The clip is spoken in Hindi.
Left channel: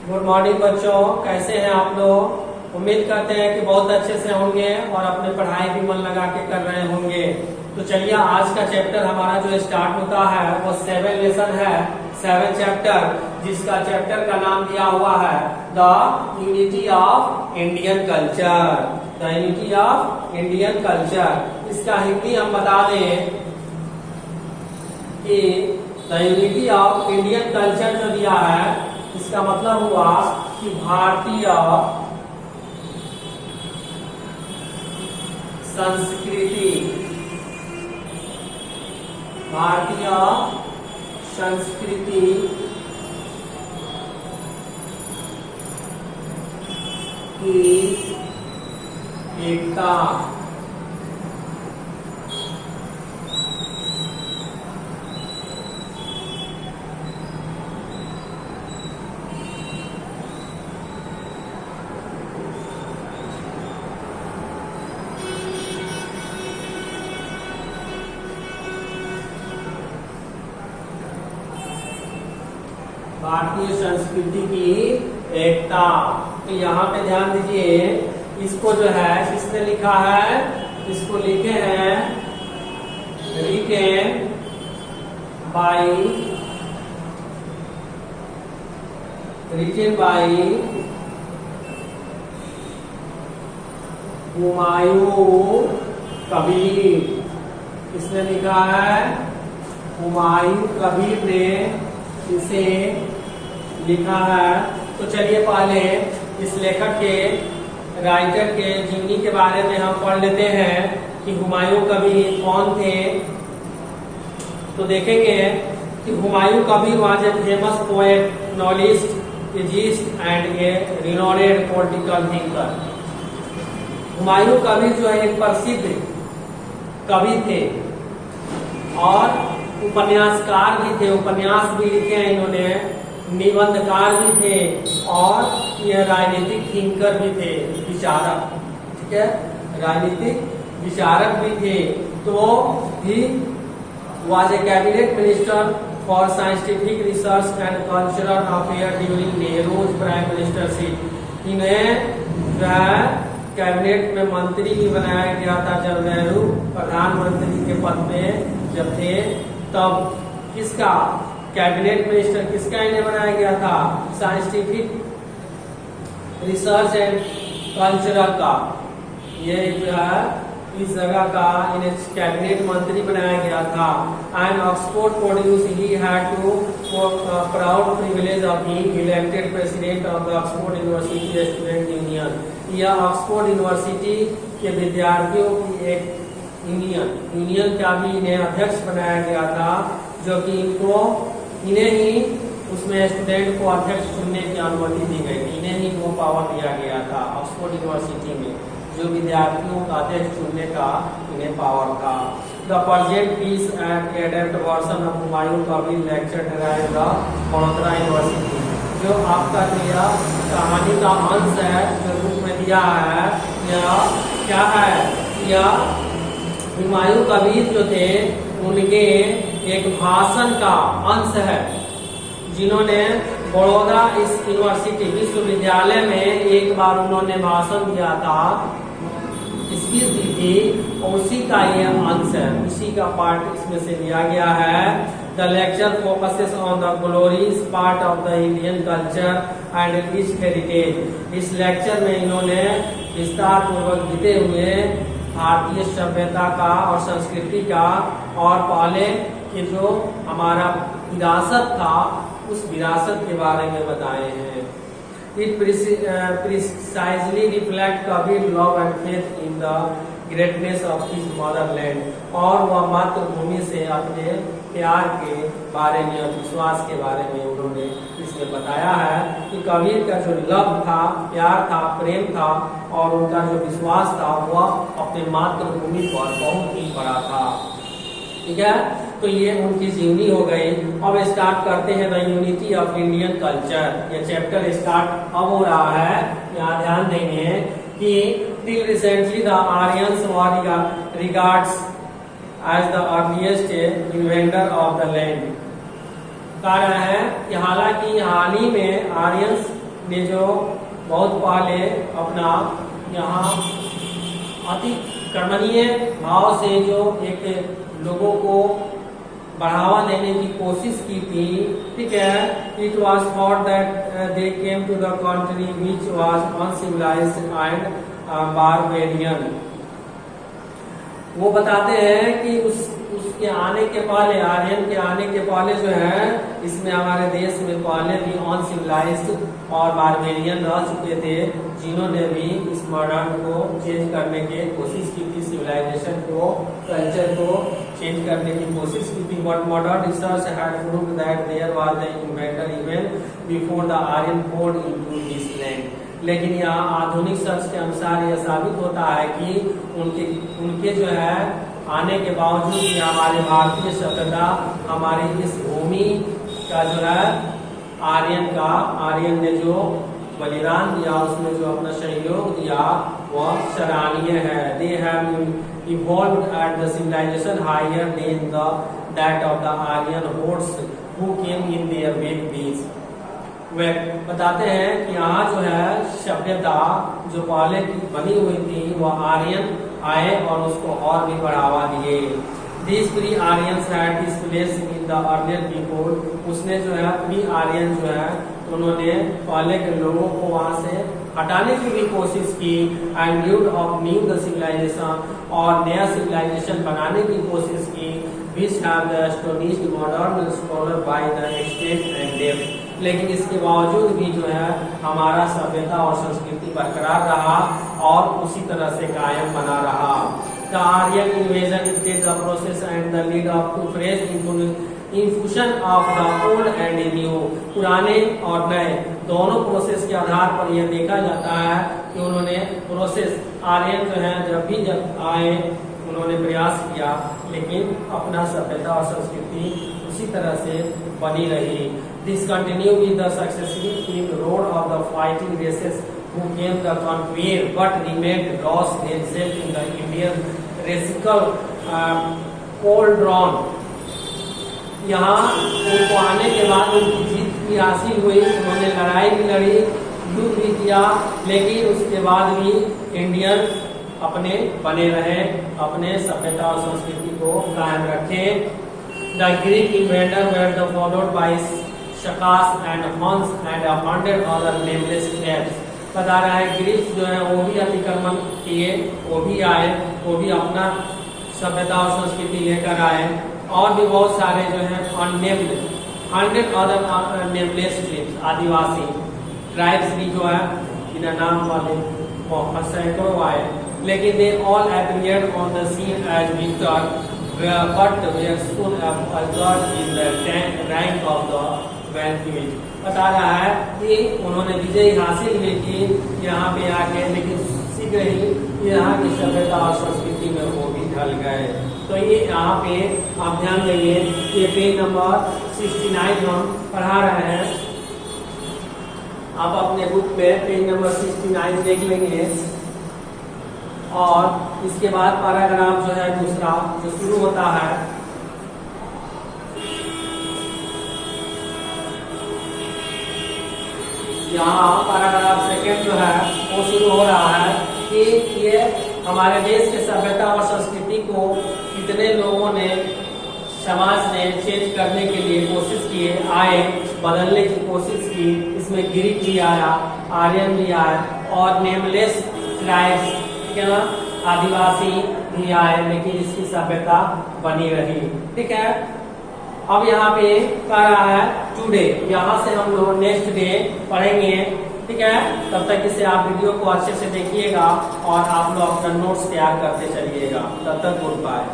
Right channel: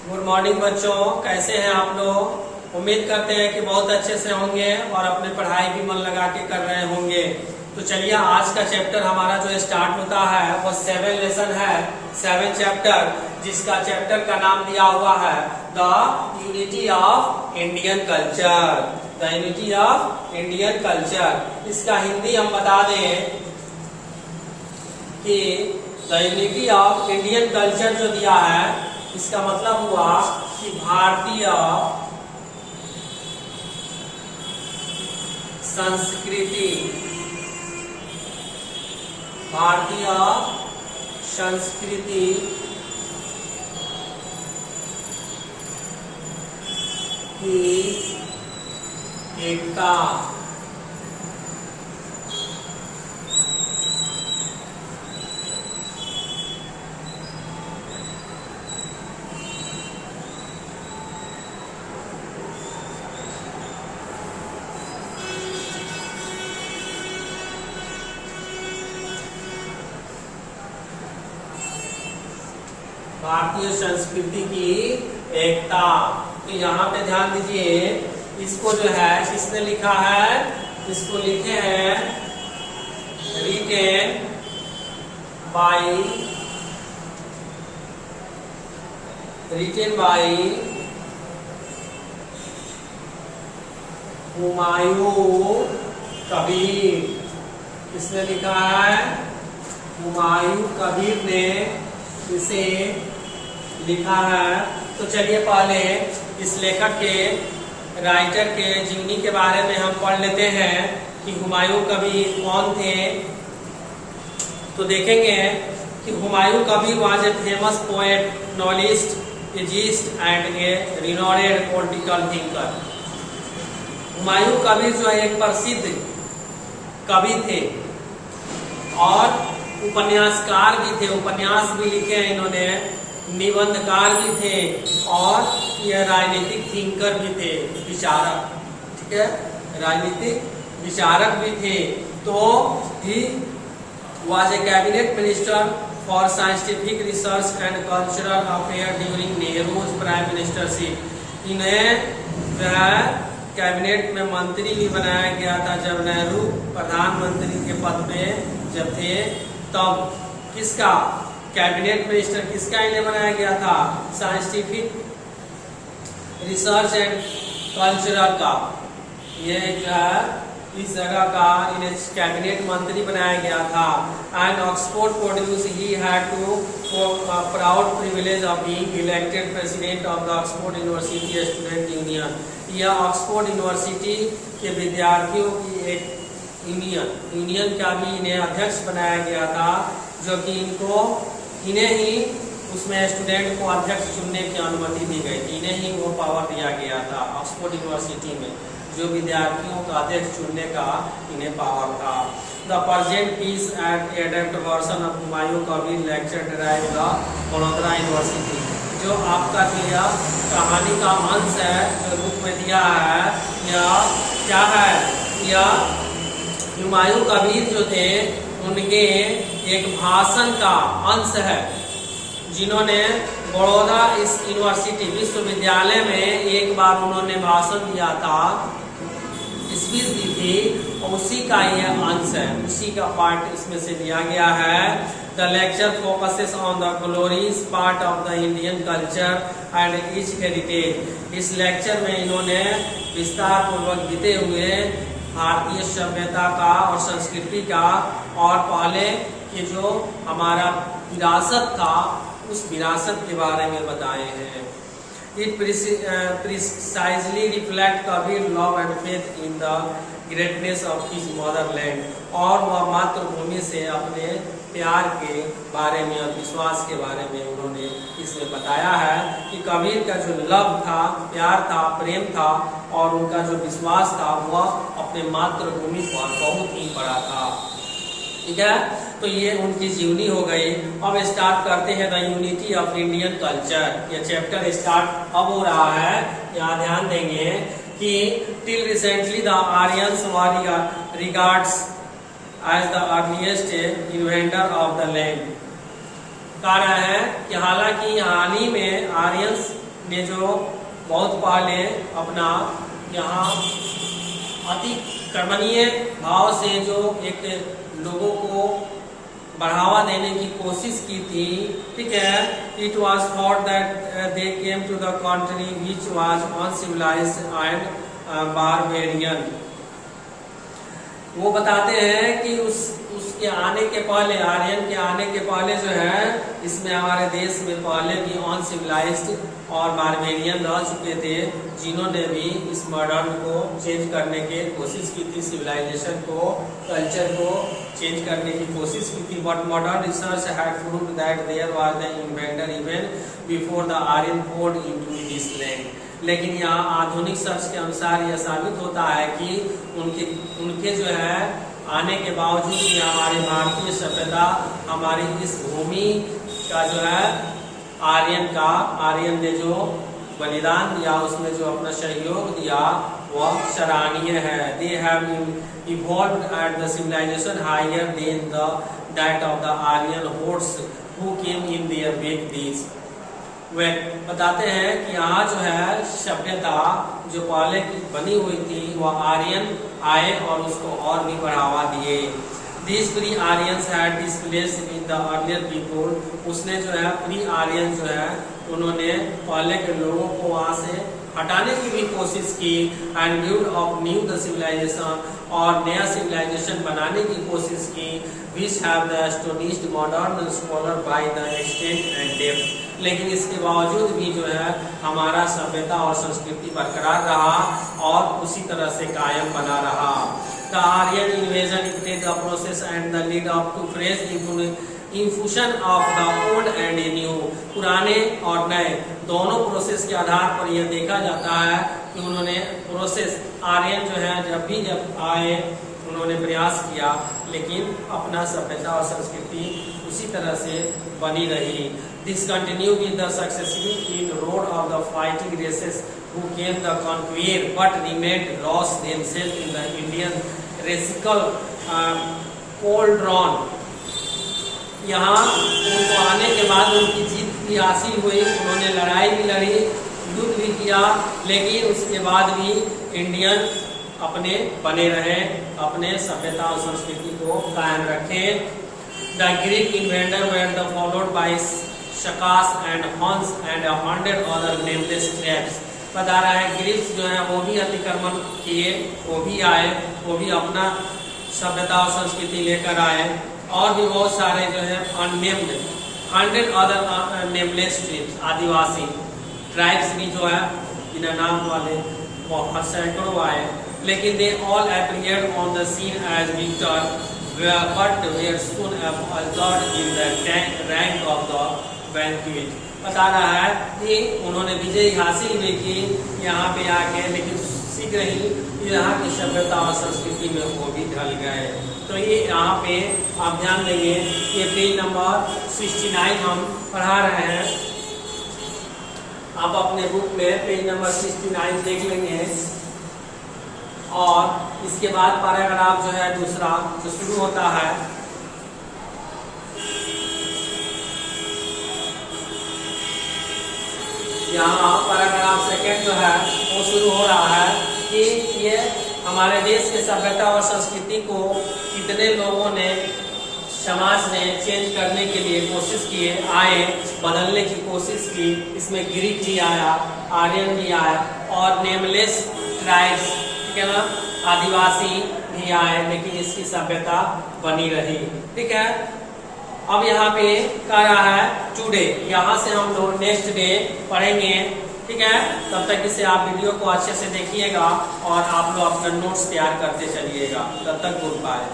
गुड मॉर्निंग बच्चों, कैसे हैं आप लोग। उम्मीद करते हैं कि बहुत अच्छे से होंगे और अपने पढ़ाई भी मन लगा के कर रहे होंगे। तो चलिए, आज का चैप्टर हमारा जो स्टार्ट होता है वो 7 लेसन है, 7 चैप्टर, जिसका चैप्टर का नाम दिया हुआ है the unity of Indian culture. The unity of Indian culture. इसका हिंदी हम बता दें कि the unity of Indian culture जो दिया है, इसका मतलब हुआ कि भारतीय संस्कृति, भारतीय संस्कृति की एकता। भारतीय संस्कृति की एकता। तो यहाँ पे ध्यान दीजिए, इसको जो है किसने लिखा है, इसको लिखे हैं रिटेन बाई हुमायूं कबीर। किसने लिखा है? हुमायूं कबीर ने इसे लिखा है। तो चलिए पहले इस लेखक के, राइटर के जीवनी के बारे में हम पढ़ लेते हैं कि हुमायूं कबीर कौन थे। तो देखेंगे कि Humayun Kabir was a famous poet, novelist, essayist and a renowned political thinker. Humayun Kabir जो है एक प्रसिद्ध कवि थे और उपन्यासकार भी थे, उपन्यास भी लिखे हैं इन्होंने, निबंधकार भी थे और यह राजनीतिक थिंकर भी थे, विचारक। ठीक है, राजनीतिक विचारक भी थे। तो he was a cabinet minister for scientific research and cultural affair during Nehru's prime ministership. इन्हें जो है कैबिनेट में मंत्री भी बनाया गया था जब नेहरू प्रधानमंत्री के पद पे जब थे, तब किसका कैबिनेट मिनिस्टर किसका इन्हें बनाया गया था? साइंटिफिक रिसर्च एंड कल्चरल का। ये जो है इस जगह का इन्हें कैबिनेट मंत्री बनाया गया था। And Oxford produce he had to proud privilege of being elected president of the Oxford University Student Union. यह ऑक्सफोर्ड यूनिवर्सिटी के विद्यार्थियों की एक यूनियन का भी इन्हें अध्यक्ष बनाया गया था, जो कि इन्हें ही उसमें स्टूडेंट को अध्यक्ष चुनने की अनुमति दी गई थी। इन्हें ही वो पावर दिया गया था ऑक्सफोर्ड यूनिवर्सिटी में, जो विद्यार्थियों का अध्यक्ष चुनने का इन्हें पावर था। The present piece and adept version of Humayun Kabir lecture derive the Vadodara University. जो आपका दिया कहानी का अंश है, जो बुक में दिया है, यह क्या है? यह हुमायूं कबीर जो थे उनके एक भाषण का अंश है, जिन्होंने बड़ौदा इस यूनिवर्सिटी विश्वविद्यालय में एक बार उन्होंने भाषण दिया था, स्पीच दी थी, और उसी का यह अंश है, उसी का पार्ट इसमें से लिया गया है। The lecture focuses on the glories part of the Indian culture and its heritage. इस लेक्चर में इन्होंने विस्तार पूर्वक बीते हुए भारतीय सभ्यता का और संस्कृति का और पहले के जो हमारा विरासत था उस विरासत के बारे में बताए हैं। It precisely reflect Kabir love and faith in the greatness of his Motherland. और वह मातृभूमि से अपने प्यार के बारे में और विश्वास के बारे में उन्होंने इसमें बताया है कि कबीर का जो लव था, प्यार था, प्रेम था और उनका जो विश्वास था वह अपने मातृभूमि पर बहुत ही बड़ा था। ठीक है, तो ये उनकी जीवनी हो गई। अब स्टार्ट करते हैं the unity of Indian culture. ये चैप्टर स्टार्ट अब हो रहा है। यहाँ ध्यान देंगे कि till recently the Aryans were regards as the earliest inventor of the land. कारण है कि हालांकि हाल ही में आर्यंस ने जो बहुत पहले अपना यहाँ अतिक्रमणीय भाव से जो एक लोगों को बढ़ावा देने की कोशिश की थी, ठीक है। It was thought that they came to the country which was uncivilised and barbarian. वो बताते हैं कि उसके आने के पहले, आर्यन के आने के पहले जो है, इसमें हमारे देश में पहले भी अनसिविलाइज्ड और बारबेरियन रह चुके थे, जिन्होंने भी इस मॉडर्न को चेंज करने की कोशिश की थी, सिविलाइजेशन को, कल्चर को चेंज करने की कोशिश की थी। But modern research had proved that there was the inventor even before the Aryan poured into this land। लेकिन यहाँ आधुनिक सर्च के अनुसार यह साबित होता है कि उनके जो है आने के बावजूद भी हमारी भारतीय सभ्यता, हमारी इस भूमि का जो है आर्यन ने जो बलिदान दिया, उसमें जो अपना सहयोग दिया, वह सराहनीय है। They have evolved at the civilization higher than that of the Aryan hordes who came in their wake these. वे बताते हैं कि यहाँ जो है सभ्यता जो पहले की बनी हुई थी, वह आर्यन आए और उसको और भी बढ़ावा दिए। These pre-Aryans had displaced in the earlier people। उसने जो है प्री आर्यन जो है, उन्होंने पहले के लोगों को वहां से हटाने की भी कोशिश की, एंड न्यू द सिविलाइजेशन, और नया सिविलाइजेशन बनाने की कोशिश की, which have the astonished modern scholar by the extent and depth। लेकिन इसके बावजूद भी जो है हमारा सभ्यता और संस्कृति बरकरार रहा और उसी तरह से कायम बना रहा। The Aryan invasion dictated the process and the lead up to fresh infusion of the old and new। पुराने और नए दोनों प्रोसेस के आधार पर यह देखा जाता है कि उन्होंने प्रोसेस, आर्यन जो है जब आए उन्होंने प्रयास किया, लेकिन अपना सभ्यता और संस्कृति उसी तरह से बनी रही। This continue with the successful inroad of the fighting races who came the conquer but remained lost themselves in the Indian racial cauldron। यहाँ उनको आने के बाद उनकी जीत भी हासिल हुई, उन्होंने लड़ाई भी लड़ी, युद्ध भी किया, लेकिन उसके बाद भी इंडियन अपने बने रहे, अपने सभ्यता और संस्कृति को कायम रखे। The Greek inventor were the followed by Shakas and Huns and 100 other nameless tribes. बता रहा है ग्रीक्स जो है वो भी अतिक्रमण किए, वो भी आए, वो भी अपना सभ्यता और संस्कृति लेकर आए, और भी बहुत सारे जो है अननेम्ड 100 अदर नेमलेस ट्राइब्स, आदिवासी ट्राइब्स भी जो है बिना नाम वाले बहुत सैकड़ों आए। लेकिन they all appeared on the scene as victor but were soon absorbed in the rank of the vanquished. बता रहा है कि उन्होंने विजय हासिल भी की यहाँ पे आके, लेकिन शीघ्र ही यहाँ की सभ्यता और संस्कृति में वो भी ढल गए। तो ये यहाँ पे आप ध्यान देंगे, ये पेज नंबर 69 हम पढ़ा रहे हैं, आप अपने बुक में पेज नंबर 69 देख लेंगे। और इसके बाद पैराग्राफ जो है दूसरा जो शुरू होता है, यहाँ पैराग्राफ सेकंड जो है वो शुरू हो रहा है कि ये हमारे देश के सभ्यता और संस्कृति को कितने लोगों ने, समाज ने चेंज करने के लिए कोशिश किए, आए, बदलने की कोशिश की। इसमें ग्रीक भी आया, आर्यन भी आए, और नेमलेस ट्राइब्स, ठीक है ना, आदिवासी भी आए, लेकिन इसकी सभ्यता बनी रही। ठीक है, अब यहाँ पे कह रहा है टुडे, यहाँ से हम लोग नेक्स्ट डे पढ़ेंगे। ठीक है, तब तक इसे आप वीडियो को अच्छे से देखिएगा और आप लोग अपना नोट्स तैयार करते चलिएगा। तब तक गुड बाय।